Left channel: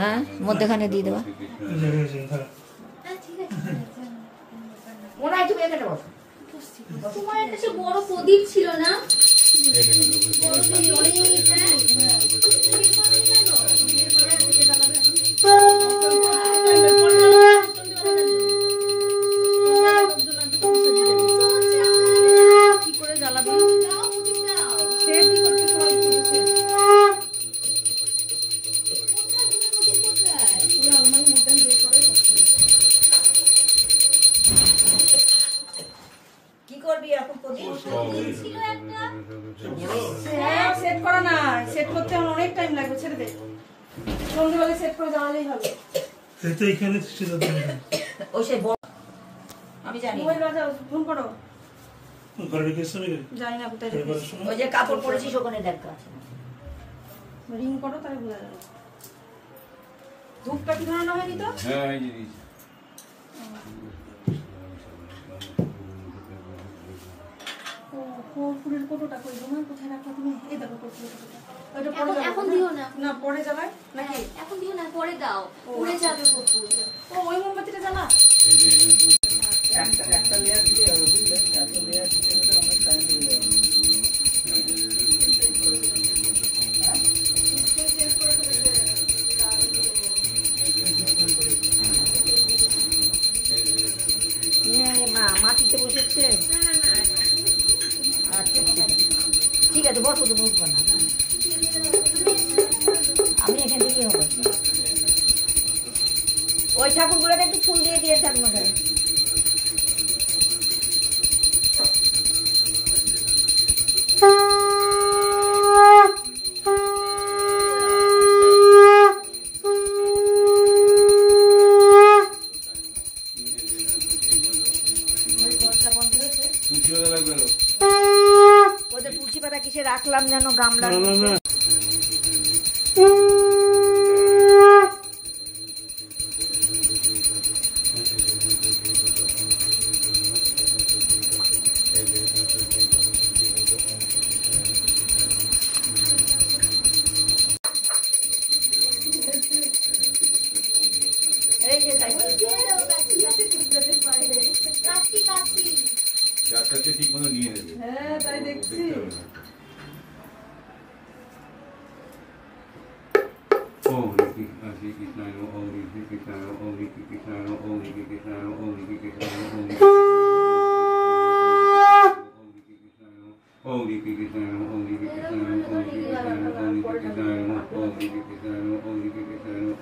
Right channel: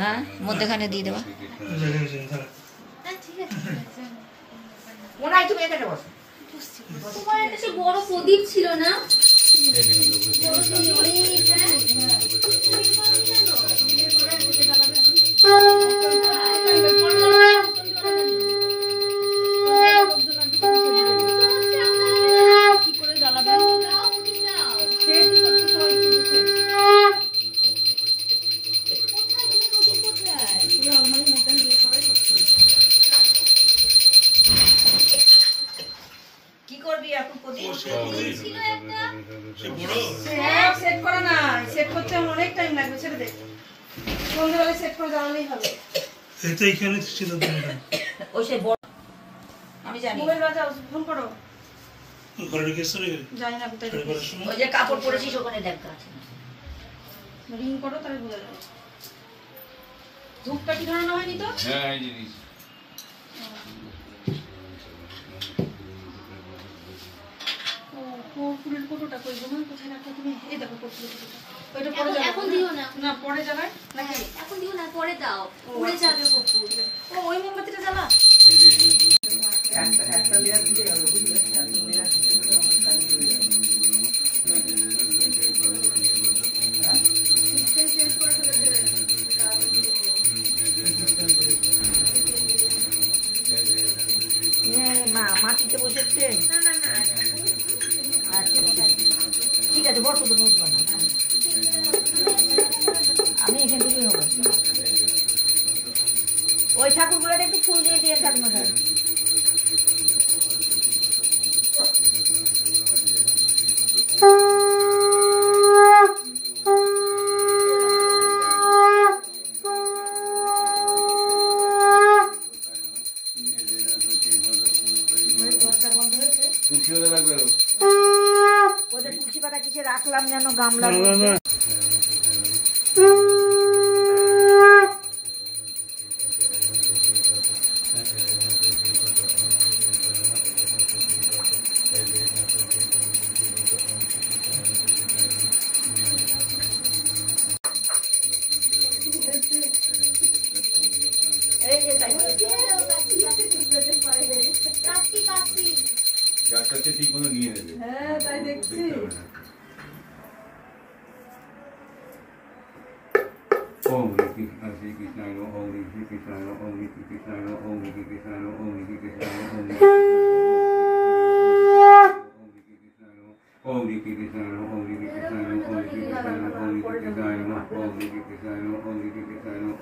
হ্যাঁ মধ্যখানে দিয়ে দেওয়া ওনাই তুমি এখানে বসো তোমার একটা বড় প্রদীপ ছিল না কি করবি এখন প্রদীপ সেট করো না, সেট করতে অনেক টাইম লাগবে, ছেড়ে দে। সন্ধ্যাবেলা সেট করে জ্বালালেই হবে। এতে এখানে ছিল ওই সেই বড় আমি জানি মোবাইল বাজাও, ফোন করো। ঘরে ঢুকে সরে গেল জানি না কোথায় ওই যে কাপড় পরেছিস ওখানে দেখতে আছে রিং করো তাহলে বোঝা যাবে। ধূপটা কি ধরানো হয়নি তো? হ্যাঁ এই জিনিস ও কর্পূরের কতটা কই গো মা, কোথায় রাখলা তুমি? এই দেখো কর্পূরের কতটা। ওইটা পরে যাবে। এখন দিও না। না পরে যাবে নাকি? এখন দিও না, পরে দাও, উড়ে যাবে কর্পূর। ও ওই মোমবাতিটা জ্বালা। এই যে একটা লেয়ার দিতে হবে বুঝলে, একটা লেয়ার দিতে গেলে অনেক টাইম লেগে যাবে। মা মাটিতে বসেছে ঠিক আছে বসো তো বুঝবো না আমি এখান থেকে হবে ওই ঠাকুরগুলোতে একটু ফুল দিয়ে দিয়ে থাকবো ওদের তুলসী পাতা কিসে রাখলাম যেন গামলা ঠিক মতো নিয়ে নেবে। হ্যাঁ তাই দেখছি। ওম রিকি শ্রী কৃষ্ণায় নমঃ ওম রিকি কৃষ্ণায় নমঃ ওম রিকি কৃষ্ণায় নমঃ ওম রিকি কৃষ্ণায় নমঃ ওম রিকি কৃষ্ণায় নমঃ ওম রিকি কৃষ্ণায় নমঃ ওম রিকি কৃষ্ণায় নমঃ ওম রিকি কৃষ্ণায় নমঃ ওম রিকি কৃষ্ণায় নমঃ ওম রিকি কৃষ্ণায় নমঃ ওম রিকি কৃষ্ণায় নমঃ ওম রিকি কৃষ্ণায় নমঃ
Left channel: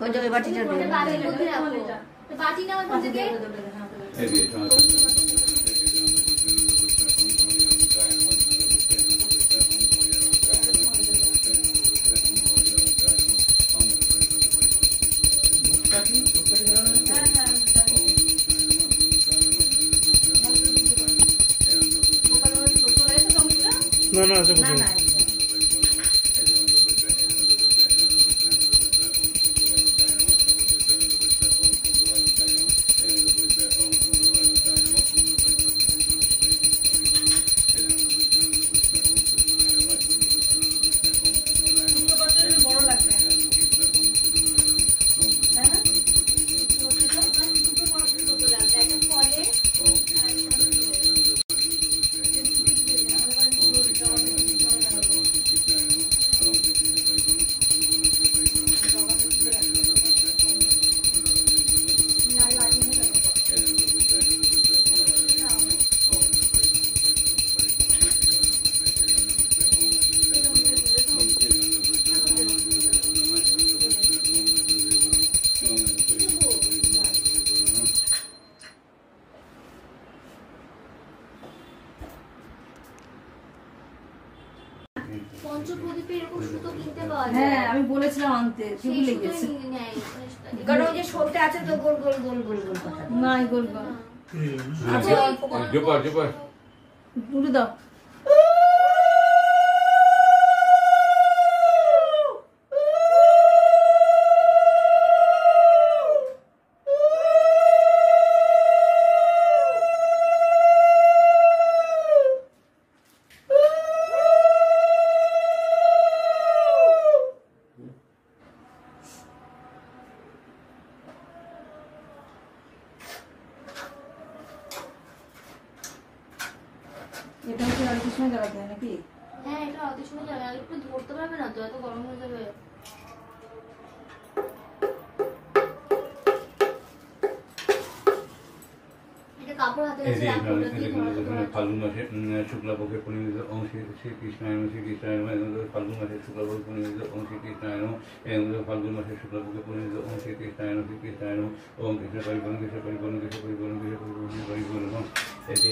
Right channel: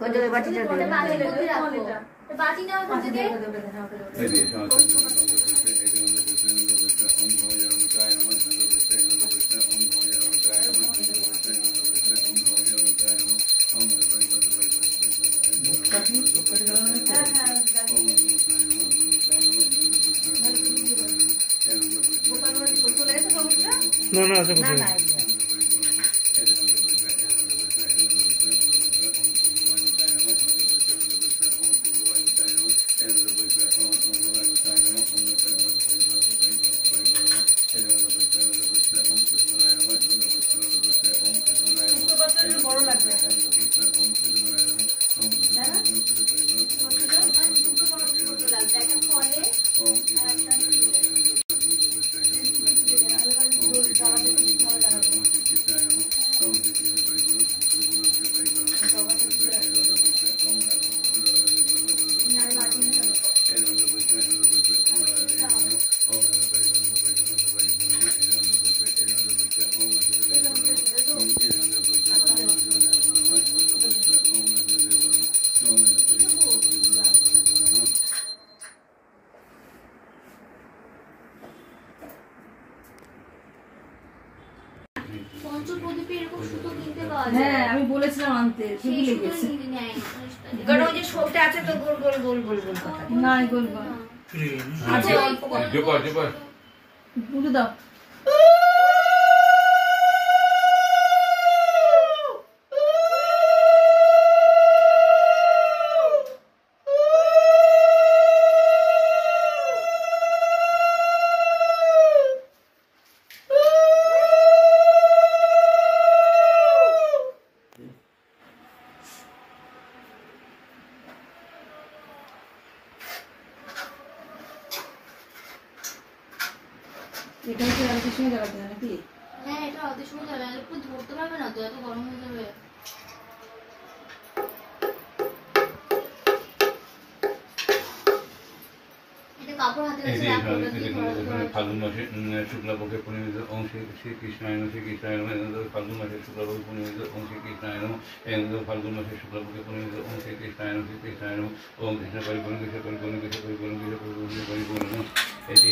কোন জায়গায় বাটিটা দিলে বাটি নাও ওখান থেকে। এই যে না না আছে কোথায় হ্যাঁ আমি বলেছিলাম আনতে, ভুলে গেছি। কারণ ওই যে শোলটা আছে তো গোল গোল গোল গোল গোল না গোলবা আচ্ছা জোপার জোপার পুরো দাও। এখানে কি আরতির সময় জ্বালাতে হয় নাকি? হ্যাঁ এটা আরতির সময় জ্বালালে একটু ধরতে পারবে না তো, এত গরম হয়ে যাবে। এটা কাপড় হাতে এই কাছে যে রাখো, এটা দিয়ে ধরা ওখানে ফাল্গুন মাসে শুক্লাপক্ষে পরিণত ওম শ্রীকৃষ্ণায় নমঃ শ্রীকৃষ্ণায় নমঃ। ফাল্গুন মাসে শুক্লাপক্ষে পরিণত ওম শ্রীকৃষ্ণায় নমঃ। ফাল্গুন মাসে শুক্লাপক্ষে পরিণত ওম শ্রীকৃষ্ণায় নমঃ শ্রীকৃষ্ণায় নমঃ। ওম কৃষ্ণ পরিপূর্ণ কৃষ্ণ পরিপূর্ণ কৃষ্ণ পরিপূর্ণ কৃষ্ণ পরিপূর্ণ পরিপূর্ণ। এটি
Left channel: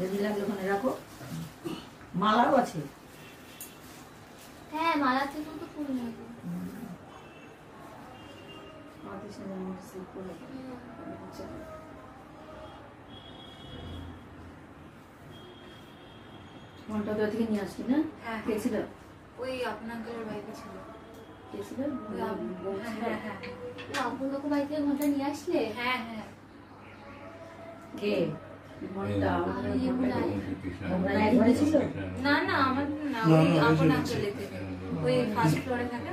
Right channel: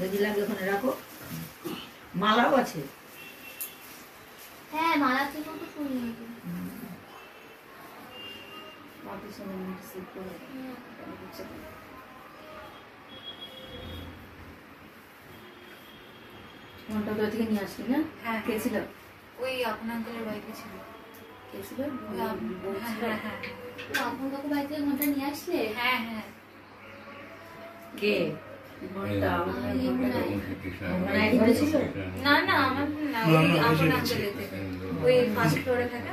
যদি লাগে ওখানে রাখো। মালাও আছে। হ্যাঁ মালা থেকেও তো ফুল নিয়ে যেতে। আরতির সময় মুখে সিট করে মনটা তো থেকে নিয়ে আসলি না? হ্যাঁ। কে ছিল? ওই আপনার আঙ্কেলের বাড়িতে ছিল। কে ছিল? হ্যাঁ হ্যাঁ আপন লোক বাড়ি থেকে ঘন্টা নিয়ে আসলে? হ্যাঁ হ্যাঁ। কে? মনটা না না আমার না, না, ওই না, আপনার বুঝে আঙ্কেলের থেকে। ওই ফার্স্ট ফ্লোরে থাকে।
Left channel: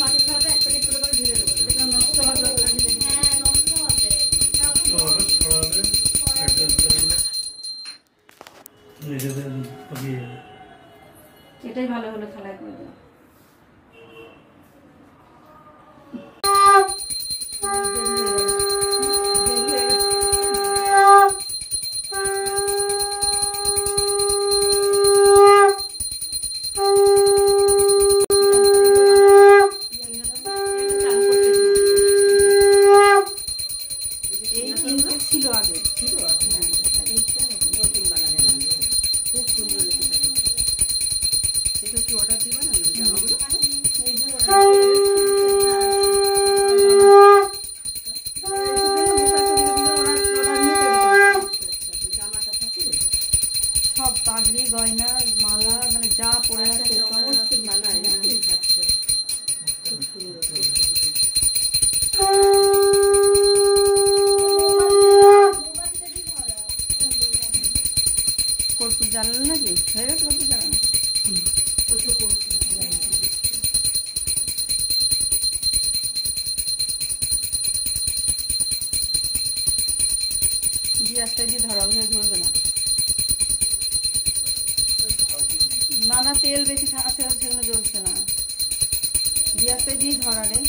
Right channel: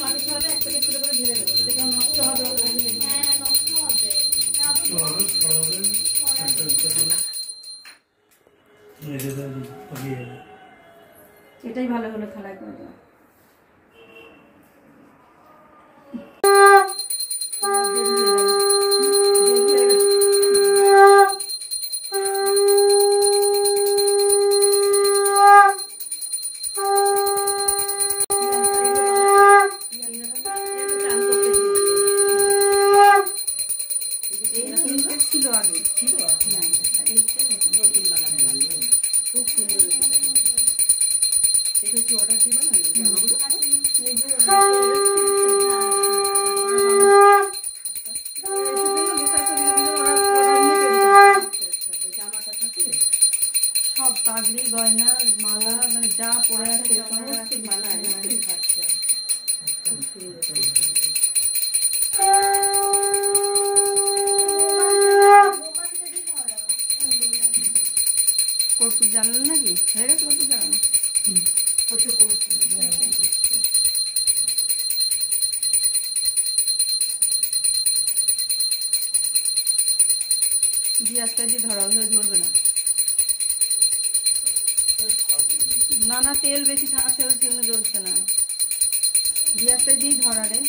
মাটির খাওয়াতে একটা করে করে ঢেলে দেবো, সেটা নষ্ট হবে না। হ্যাঁ নষ্ট হবে। এটাই ভালো হলো, থালায় করে দেওয়া। ছিল আগে, ছিল সব পাগড়ি গয়না মালা মানে যা পরে আছে সমস্ত বানায়। কর্পূর জ্বালানো নাকি? হয়ে গেছে কর্পূর জ্বালানো? গ্যাসটা দিয়ে ধরা হয়ে ঝরবে না। না না তেল বেশি আছে সেজন্য জ্বলছে না। গ্যাসটা দিয়ে ধরা রে।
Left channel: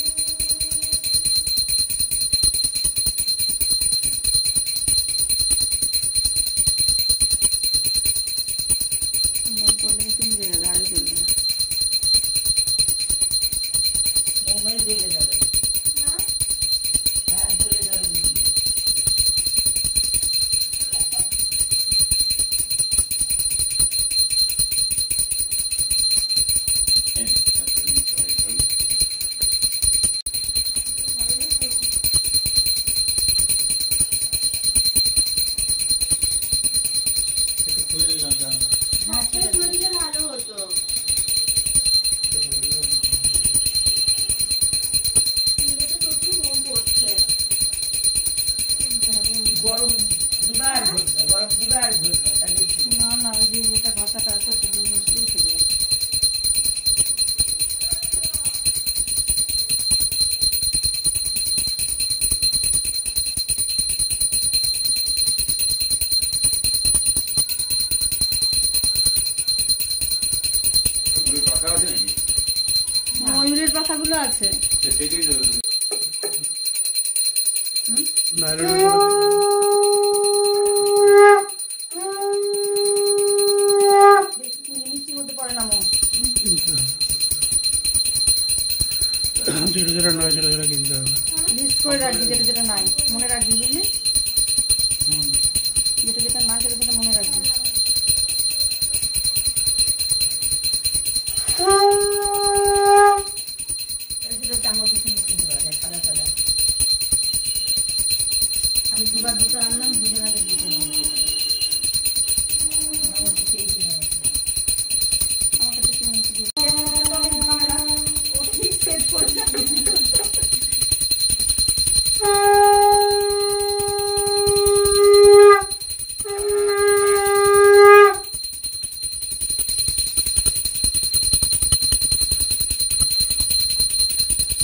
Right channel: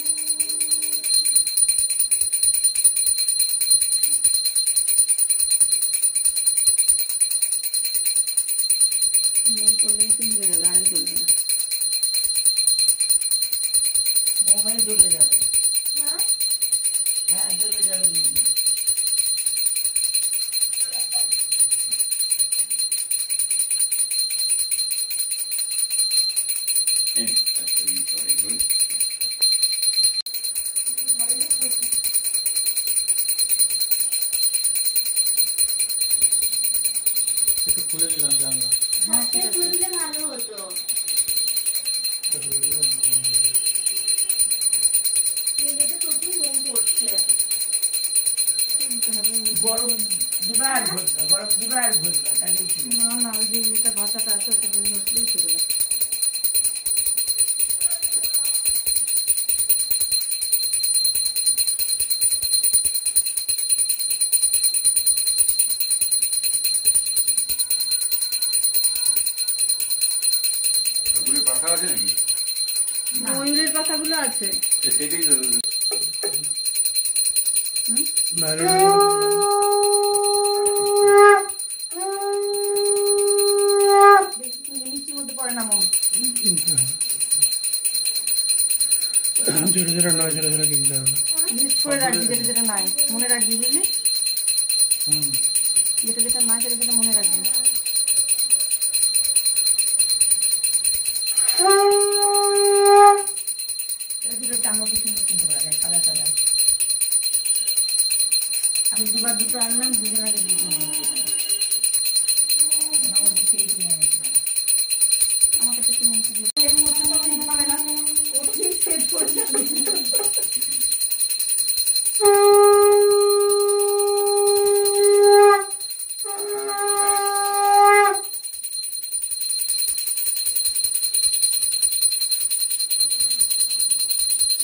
করলে কিন্তু গাড়ি চলবে না। মোবাইল জ্বলে যাবে। হ্যাঁ জ্বলে যাবে। খুলে দিলে ভালো হতো। গরম দিবার ঘুরবে, গরম দিবার ঘুরবে, তাহলেই ছিল। না ওই যে যেটা ভাষাটা আছে ওটা দিয়ে বসলেই চলে যাবে। কথা আছে নাকি? ময়ূরের কথাগুলো আছে। সেটাই তো বাইরে মিষ্টির মধ্যে পড়ে না মন। ছোটো ছোটো নয়, ছোটো ছোটো কিনতে হবে। লিস্ট করে রাখবি যেটা যেটা নাই, মনে রাখবি বুঝলি? যেটা যেটা নাই সেটা যেটা মনে রাখবি। আমার কিছু কিনতে পারে সাদা সাদা। আমি দুবার দুটো আনলাম, দুজন আগে দুটো নিয়ে গেলাম। আমার দুটোই কিনে রাখলাম। আমার কাছে কি মিষ্টি দিবি?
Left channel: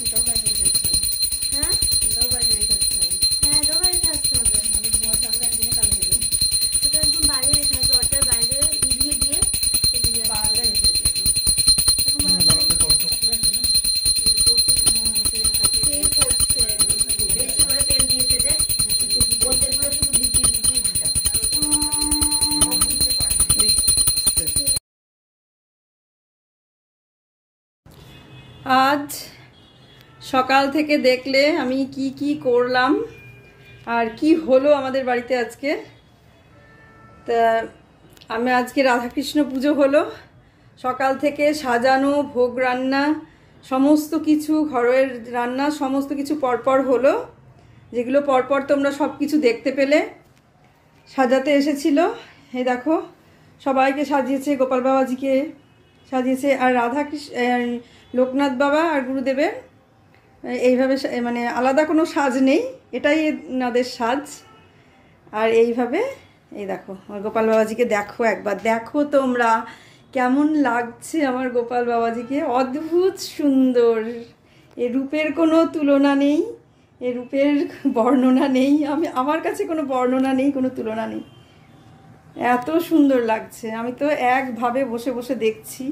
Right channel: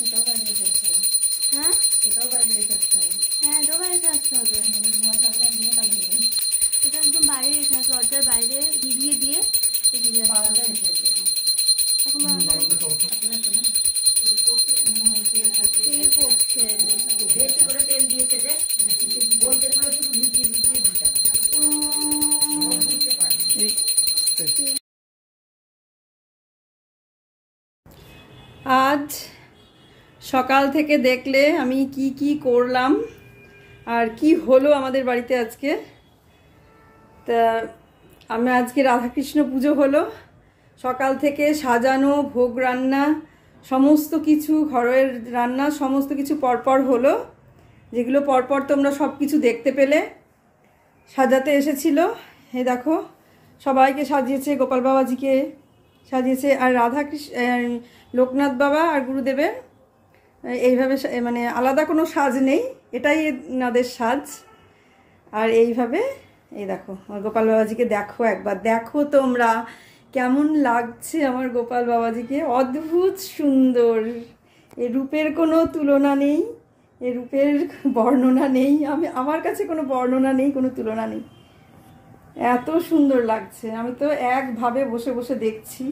এটাও বাড়ি রেখে আসতে হবে। হ্যাঁ এটাও বাড়ি রেখে আসতে হবে। হ্যাঁ এটাও বাড়িতে আসতে হবে। ওটা একদম বাইরে রেখে আসবে, দরজার বাইরে দিয়ে দিয়ে এদিকে বারান্দায় রেখে আসতে হবে। তেল পড়ছে, বেশি করে তেল দিয়েছে যে বলতে পুরো শুধু ভিজিয়ে ভিজিয়ে দিতে হবে। আজ সকাল থেকে দেখলে আমি কি কি করলাম আর কি হলো আমাদের বাড়িতে আজকে। তা আমি আজকে রাধাকৃষ্ণ পুজো হলো, সকাল থেকে সাজানো, ভোগ রান্না, সমস্ত কিছু ঘরের রান্না সমস্ত কিছু পরপর হলো, যেগুলো পরপর তোমরা সব কিছু দেখতে পেলে। সাজাতে এসেছিল, এই দেখো সবাইকে সাজিয়েছে, গোপাল বাবাজিকে সাজিয়েছে, আর রাধাকৃষ্ণ লোকনাথ বাবা আর গুরুদেবের এইভাবে মানে আলাদা কোনো সাজ নেই, এটাই এনাদের সাজ। আর এইভাবে এই দেখো আমার গোপাল বাবাজিকে দেখো, একবার দেখো তোমরা কেমন লাগছে আমার গোপাল বাবাজিকে, অদ্ভুত সুন্দর। এই রূপের কোনো তুলনা নেই, এই রূপের বর্ণনা নেই, আমার কাছে কোনো বর্ণনা নেই, কোনো তুলনা নেই, এত সুন্দর লাগছে। আমি তো একভাবে বসে বসে দেখছি।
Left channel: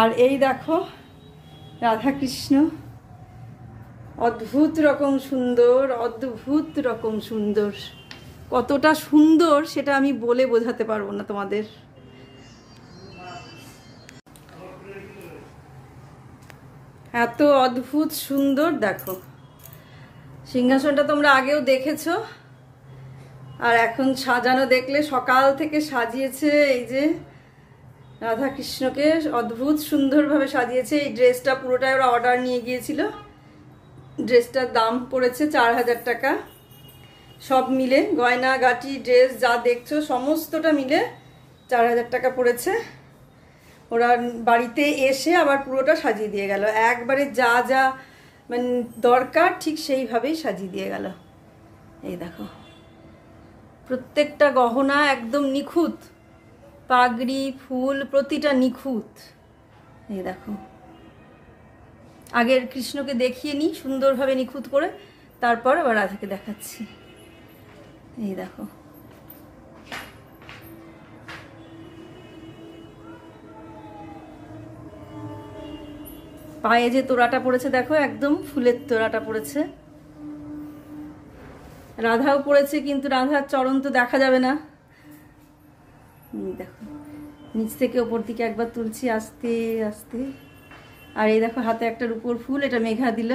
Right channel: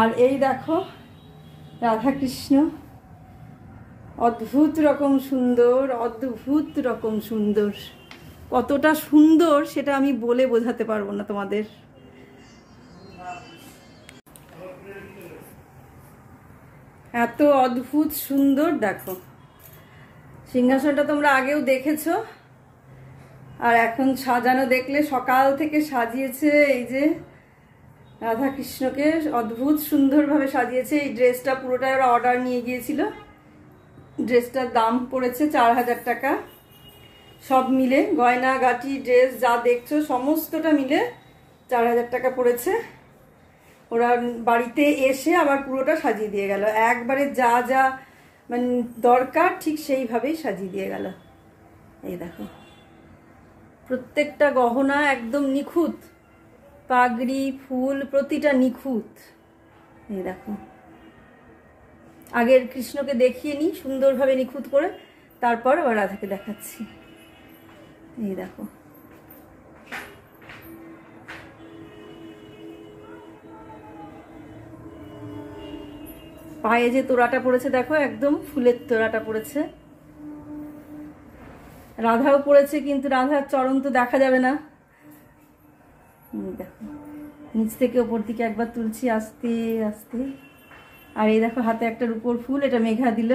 আর এই দেখো রাধাকৃষ্ণ, অদ্ভুত রকম সুন্দর, অদ্ভুত রকম সুন্দর। কতটা সুন্দর সেটা আমি বলে বোঝাতে পারবো না তোমাদের। এত অদ্ভুত সুন্দর দেখো। সিংহাসনটা তোমরা আগেও দেখেছো, আর এখন সাজানো দেখলে সকাল থেকে সাজিয়েছে। এই যে রাধাকৃষ্ণকে অদ্ভুত সুন্দরভাবে সাজিয়েছে। এই ড্রেসটা পুরোটাই ওরা অর্ডার নিয়ে গিয়েছিল, ড্রেসটার দাম পড়েছে 4000 টাকা। সব মিলে গয়না গাটি ড্রেস যা দেখছো সমস্তটা মিলে 4000 টাকা পড়েছে। ওরা বাড়িতে এসে আবার পুরোটা সাজিয়ে দিয়ে গেল, একবারে যা যা মানে দরকার ঠিক সেইভাবেই সাজিয়ে দিয়ে গেল। এই দেখো প্রত্যেকটা গহনা একদম নিখুঁত, পাগড়ি ফুল প্রতিটা নিখুঁত। এই দেখো আগের কৃষ্ণকে দেখিয়ে নিই সুন্দরভাবে নিখুঁত করে, তারপর আবার রাধাকে দেখাচ্ছি। এই দেখো পায়ে যে তোড়াটা পড়েছে দেখো, একদম ফুলের তোড়াটা পড়েছে। রাধাও পড়েছে, কিন্তু রাধার চরণ তো দেখা যাবে না। দেখো নিচ থেকে ওপর দিকে একবার তুলছি আস্তে আস্তে। আর এই দেখো হাতে একটা রূপোর ফুল, এটা মেঘা দিল।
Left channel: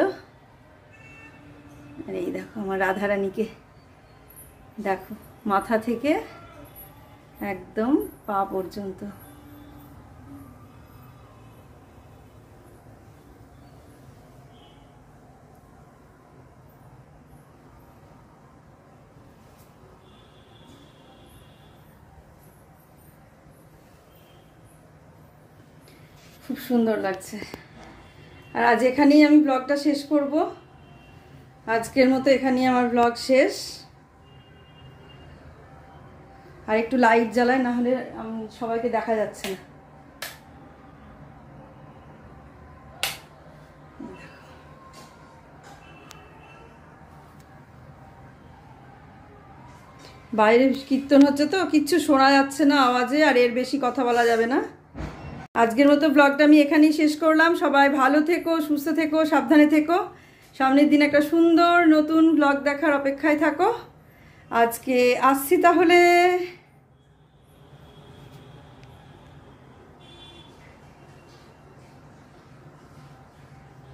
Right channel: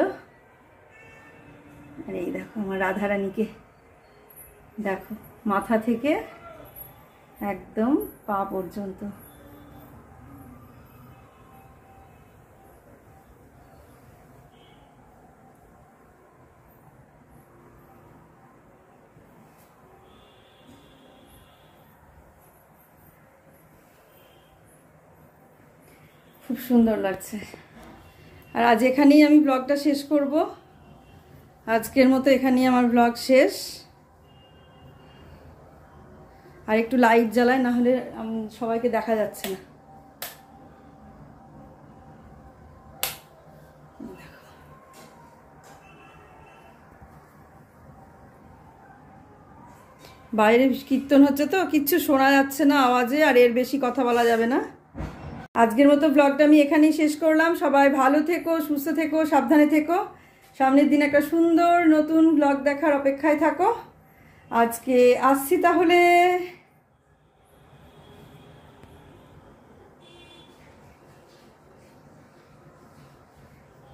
আর এই দেখো আমার রাধারানীকে দেখো মাথা থেকে একদম পা পর্যন্ত। খুব সুন্দর লাগছে। আর আজ এখানেই আমি ব্লগটা শেষ করব। আজকের মতো এখানেই আমার ব্লগ শেষ। আর একটু লাইট জ্বালায়, না হলে সবাইকে দেখা যাচ্ছে না। বাইরে কীর্তন হচ্ছে তো কিচ্ছু শোনা যাচ্ছে না আওয়াজে, আর এর বেশি কথা বলা যাবে না। আজকের মতো ব্লগটা আমি এখানেই শেষ করলাম। সবাই ভালো থেকো, সুস্থ থেকো, সাবধানে থেকো। সামনের দিন একটা সুন্দর নতুন ব্লগ দেখার অপেক্ষায় থাকো। আজকে আসছি তাহলে।